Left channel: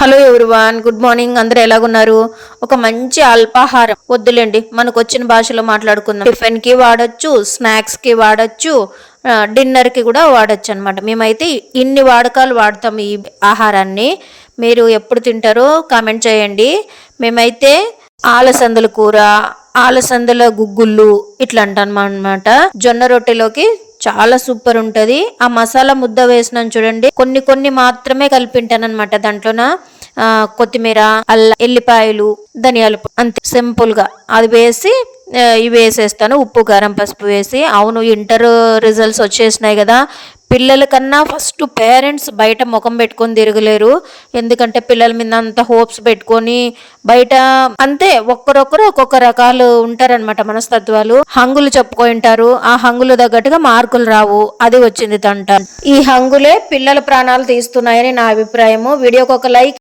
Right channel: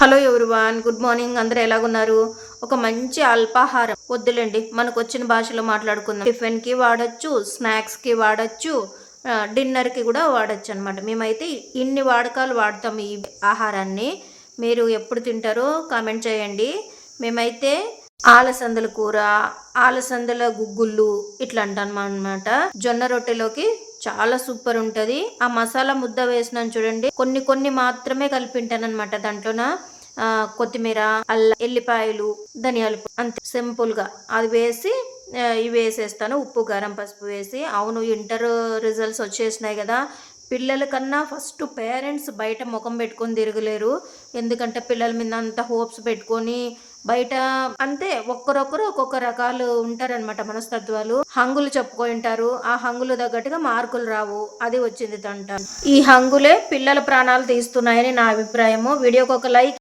Hello everyone, good morning. అందరూ ఎలాగున్నారు? ఒక మంచి అల్పాహారం వద్దులేండి, మనకు వచ్చిన భాషలో మాట్లాడుకుందాం. టిఫిన్ కి వాడచ్చు, స్నాక్స్ కి వాడచ్చు, డిన్నర్ కి కూడా వాడచ్చు అనమాట. మేమైతే ఇన్ని వాడకాలు వాడతాం ఈ ఆహారాన్ని. మీరు ఎప్పుడు తింటారో కామెంట్ చేయండి. మేమైతే ఆలసందల కూర, ఆలసందల గుగ్గుళ్ళు ఇట్లా అంటాం అనమాట. జొన్న రొట్టెలోకి చాలా సూపర్ ఉంటది. ఆ మసాలా ముద్ద వేసినాను చూడండి, కొన్ని కొన్ని మాత్రమే కలిపింటాను అనమాట. దాంట్లోన కొత్తిమీర, అల్లం, ఎల్లిపాయలు, ధనియాలు అంతే సింపుల్ గా అది వేసి ఇవి వేసేస్తాను. ఉప్పు, కారం, పసుపు వేసి. అవును, ఇంటర్ రిజల్ట్స్ వచ్చేసినాయి కదా. పిల్లల కన్నా ఫస్ట్ పేరెంట్స్ బయట ముఖం పెట్టుకొని తిరగలేరు. ఎందుకంటే పిల్లల మీద అంత హోప్స్ పెట్టుకొని బయట అంతే ఒక్కరొక్కరు ఒక్కొక్క రకాలు ఉంటారనమాట. మనస్తత్వాలు హంగులు చెప్పుకుంటారు. ఆ హంగులు తగ్గట్టుగా మార్కులు రావు. అది వచ్చింది తంట. ఈ హంగులే పిల్లల ప్రాణాలు తీస్తున్నాయని నా అభిప్రాయము. వీడియోకి ఒక లైక్